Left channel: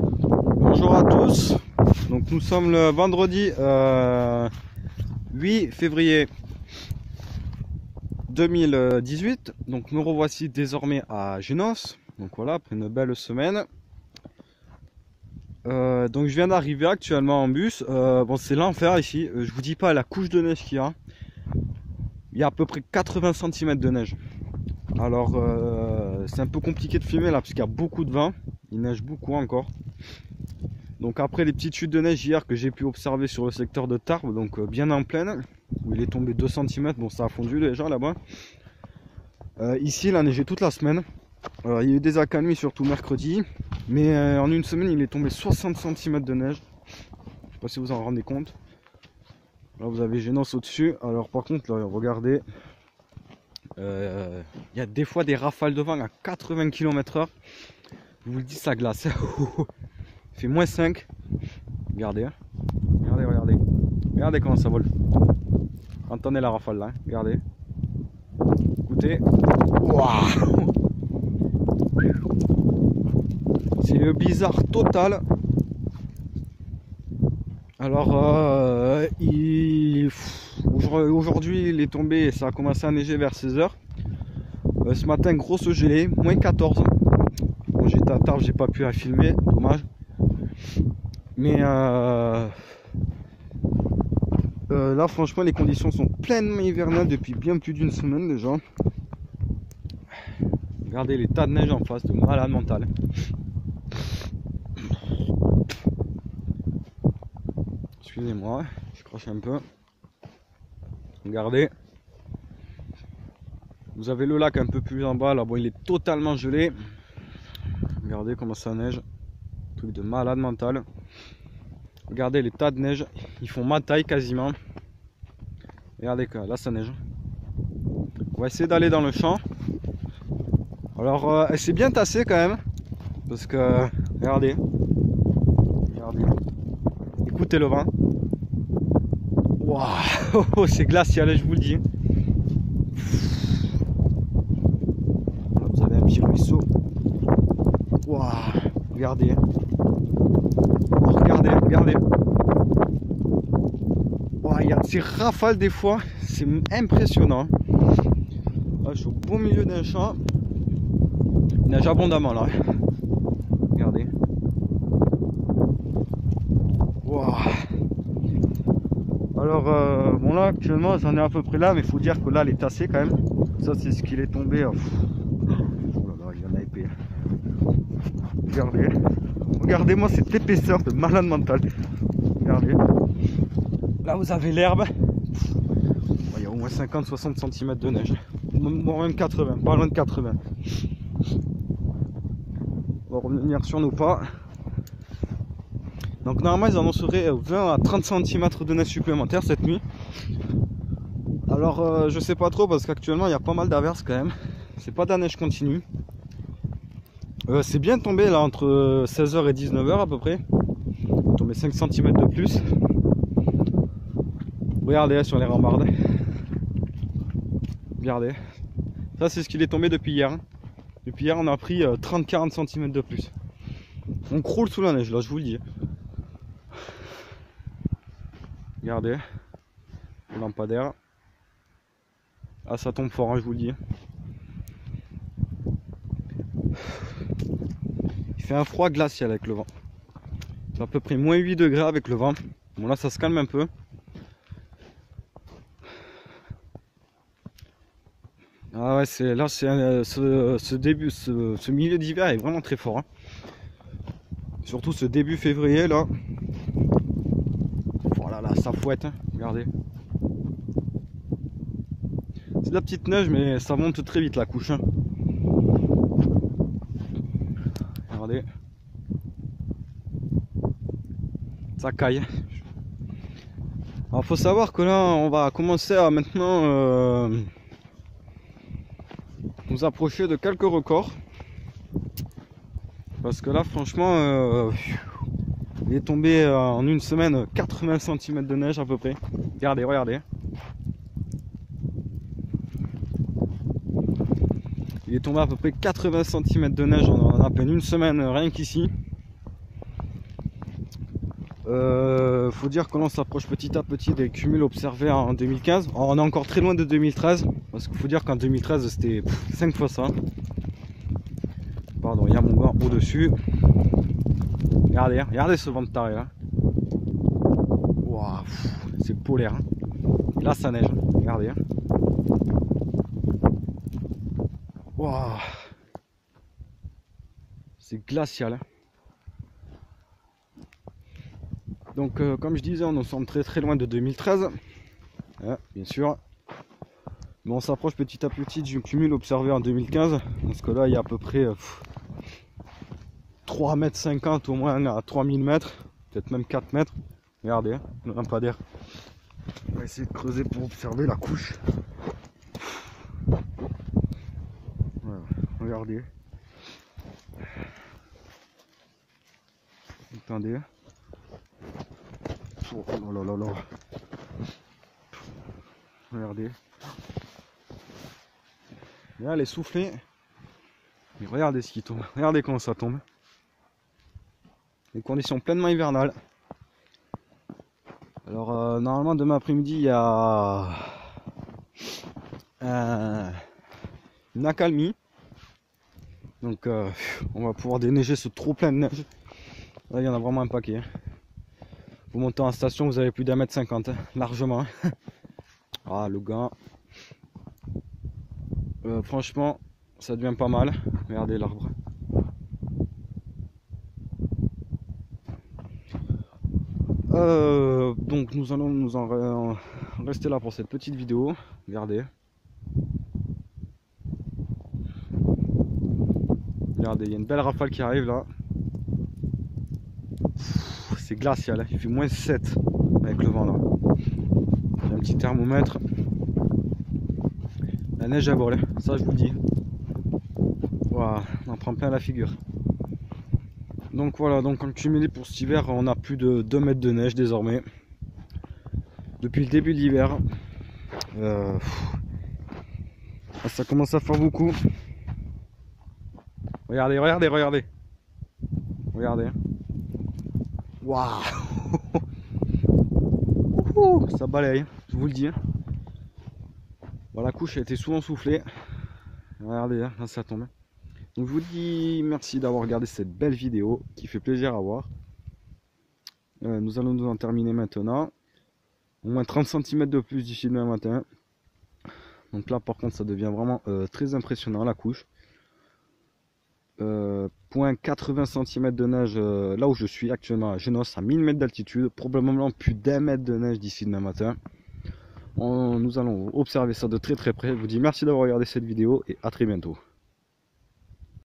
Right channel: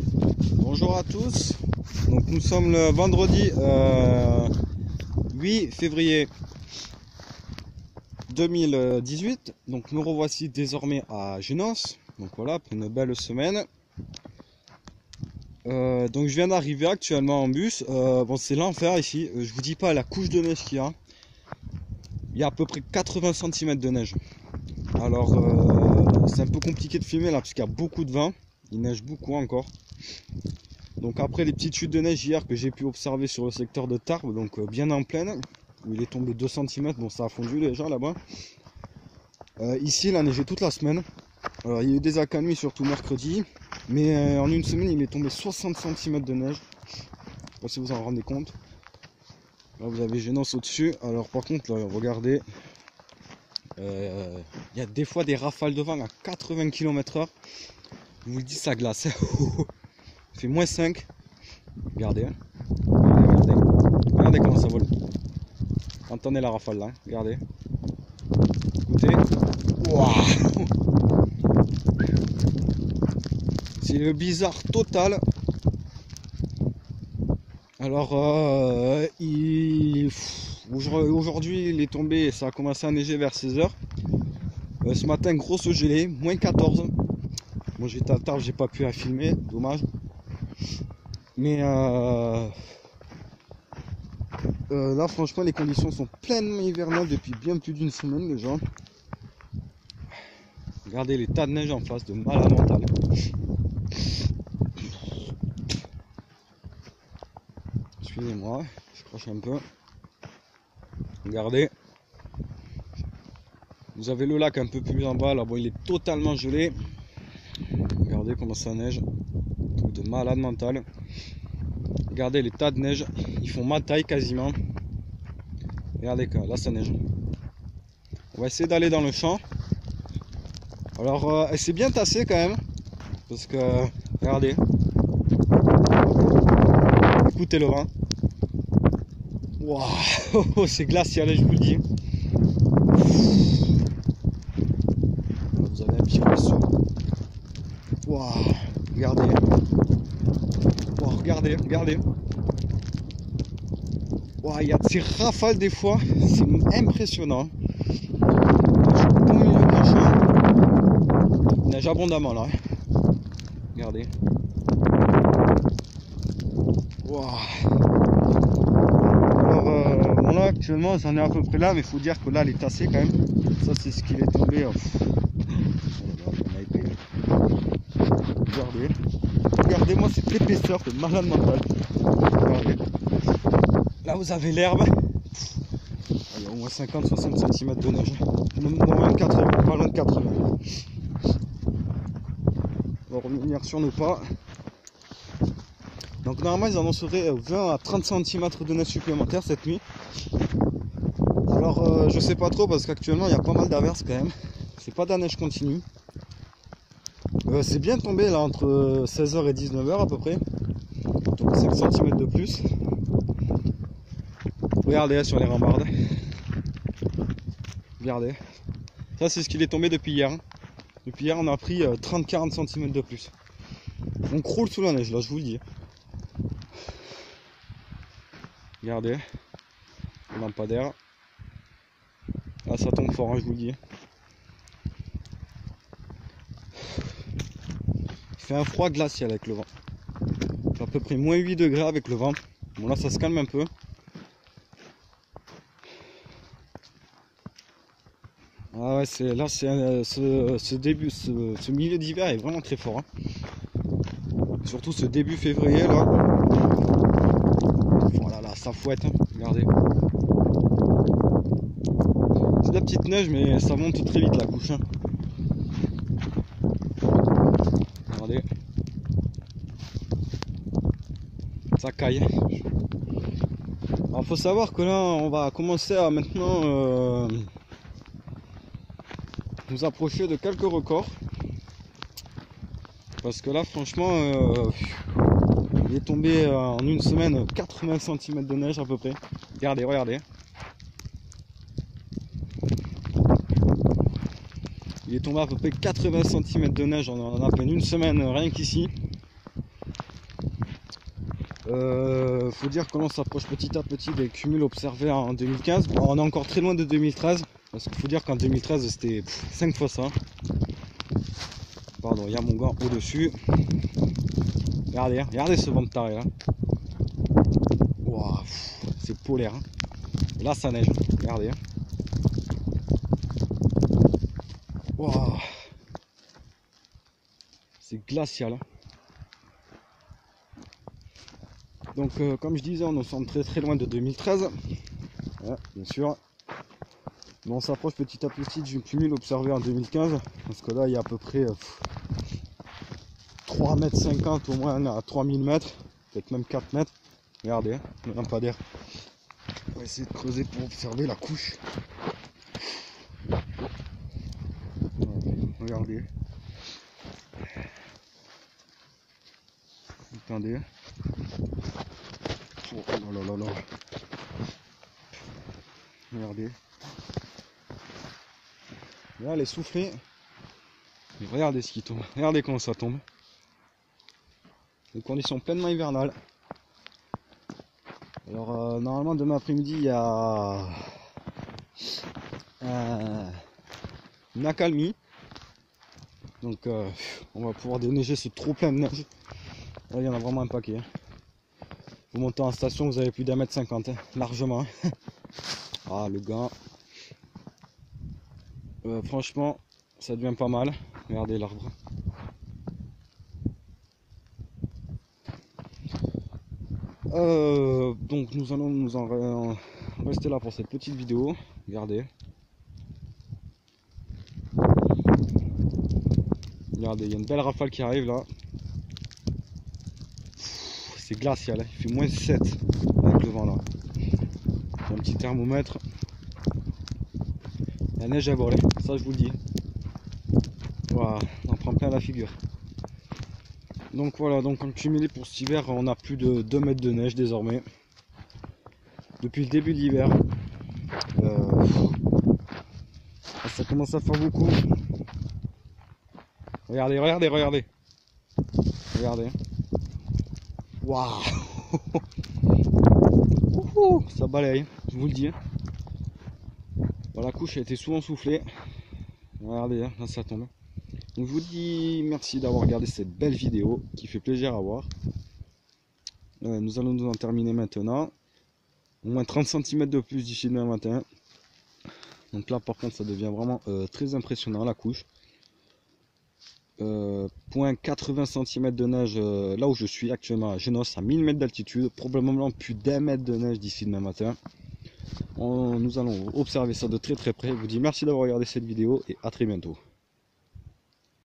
Bonjour à tous. Donc nous sommes le vendredi 8 février 2018. Donc nous revoici désormais à Génos. Donc voilà, après une belle semaine. Donc je viens d'arriver actuellement en bus. Bon, c'est l'enfer ici. Je vous dis pas la couche de neige qu'il y a. Il y a à peu près 80 cm de neige. Alors c'est un peu compliqué de filmer là parce qu'il y a beaucoup de vent. Il neige beaucoup encore. Donc après les petites chutes de neige hier que j'ai pu observer sur le secteur de Tarbes, donc bien en pleine, où il est tombé 2 cm, bon ça a fondu déjà là-bas. Ici il a neigé toute la semaine. Il y a eu des accalmies surtout mercredi, mais en une semaine il est tombé 60 cm de neige. Je sais pas si vous en rendez compte. Là vous avez Génos au-dessus. Alors par contre là regardez, il y a des fois des rafales de vent à 80 km/h. Je vous le dis, ça glace. Il fait moins 5. Regardez. Regardez. Regardez comment ça vole. Entendez la rafale là. Regardez. Écoutez. Waouh! C'est le bizarre total. Alors, aujourd'hui, il est tombé et ça a commencé à neiger vers 16 h. Ce matin, grosse gelée, moins 14. Bon, j'étais à Tarbes, j'ai pas pu la filmer, dommage. Mais là, franchement, les conditions sont pleinement hivernales depuis bien plus d'une semaine déjà. Regardez les tas de neige en face, de malade mental. Excusez-moi, je crache un peu. Regardez. Vous avez le lac un peu plus en bas, là, bon, il est totalement gelé. Regardez comment ça neige. Truc de malade mental. Regardez les tas de neige. Ils font ma taille quasiment. Regardez là ça neige. On va essayer d'aller dans le champ. Alors elle s'est bien tassée quand même. Parce que regardez. Écoutez le vent. Waouh, c'est glacial, je vous le dis. Là, vous avez un petit ruisseau. Waouh, regardez. Oh, regardez, regardez. Wow, il y a de ces rafales des fois, c'est impressionnant. Là, je suis au milieu d'un champ. Il neige abondamment là. Regardez. Wow. Alors, bon là actuellement j'en ai à peu près là, mais il faut dire que là elle est tassée quand même. Ça c'est ce qu'il est tombé. Oh là là, il y en a épais. Regardez. Regardez-moi cette épaisseur de malade mental. Regardez. Là vous avez l'herbe. Il y a au moins 50-60 cm de neige. Moins 80, pas loin de 80. On va revenir sur nos pas. Donc normalement ils annonceraient 20 à 30 cm de neige supplémentaire cette nuit. Alors je sais pas trop parce qu'actuellement il y a pas mal d'averses quand même. C'est pas de la neige continue. C'est bien tombé là entre 16 h et 19 h à peu près. Donc 5 cm de plus. Regardez sur les rambardes. Regardez. Ça c'est ce qu'il est tombé depuis hier. Depuis hier on a pris 30-40 cm de plus. On croule sous la neige là, je vous le dis. Regardez. Le lampadaire. Ah ça tombe fort, hein, je vous le dis. Il fait un froid glacial avec le vent. Il fait à peu près moins 8 degrés avec le vent. Bon là ça se calme un peu. Ah ouais, là c'est ce milieu d'hiver est vraiment très fort. Hein. Surtout ce début février là. Voilà là, ça fouette, hein. Regardez. C'est de la petite neige mais ça monte très vite la couche. Hein. Regardez. Ça caille. Alors faut savoir que là on va commencer à maintenant nous approcher de quelques records. Parce que là franchement il est tombé en une semaine 80 cm de neige à peu près. Regardez, regardez. Il est tombé à peu près 80 cm de neige en à peine une semaine rien qu'ici. Faut dire que l'on s'approche petit à petit des cumuls observés en 2015. Bon, on est encore très loin de 2013, parce qu'il faut dire qu'en 2013 c'était 5 fois ça. Pardon, il y a mon gant au-dessus. Regardez, regardez ce vent de taré là. Wow, c'est polaire. Hein. Là ça neige, regardez. Wow. C'est glacial. Donc comme je disais, on nous sommes très très loin de 2013. Ouais, bien sûr. Mais on s'approche petit à petit du cumul observé en 2015. Parce que là il y a à peu près 3,50 m au moins à 3000 mètres. Peut-être même 4 mètres. Regardez, le lampadaire. On va essayer de creuser pour observer la couche. Voilà, regardez. Attendez. Oh là là là. Regardez. Là, elle est soufflée. Et regardez ce qui tombe. Regardez comment ça tombe. Les conditions pleinement hivernales. Alors, normalement, demain après-midi, il y a une accalmie. Donc, on va pouvoir déneiger ce trop plein de neige. Là, il y en a vraiment un paquet. Hein. Vous montez en station, vous avez plus d'1,50 m, hein, largement. Ah, le gars. Franchement, ça devient pas mal. Regardez l'arbre. Donc nous allons nous en rester là pour cette petite vidéo. Regardez. Regardez, il y a une belle rafale qui arrive là. C'est glacial, hein. Il fait moins 7 avec le vent là. J'ai un petit thermomètre. La neige à vol, ça je vous le dis. Voilà, on en prend plein la figure. Donc voilà, donc en cumulé pour cet hiver, on a plus de 2 mètres de neige désormais. Depuis le début de l'hiver. Ça commence à faire beaucoup. Regardez, regardez, regardez. Regardez. Waouh. Ça balaye, je vous le dis. Bon, la couche a été souvent soufflée. Regardez, là ça tombe. Donc je vous dis merci d'avoir regardé cette belle vidéo qui fait plaisir à voir. Nous allons nous en terminer maintenant. Au moins 30 cm de plus d'ici demain matin. Donc là par contre ça devient vraiment très impressionnant la couche. Point 80 cm de neige là où je suis actuellement à Génos à 1000 mètres d'altitude. Probablement plus d'1 mètre de neige d'ici demain matin. Nous allons observer ça de très très près. Je vous dis merci d'avoir regardé cette vidéo et à très bientôt.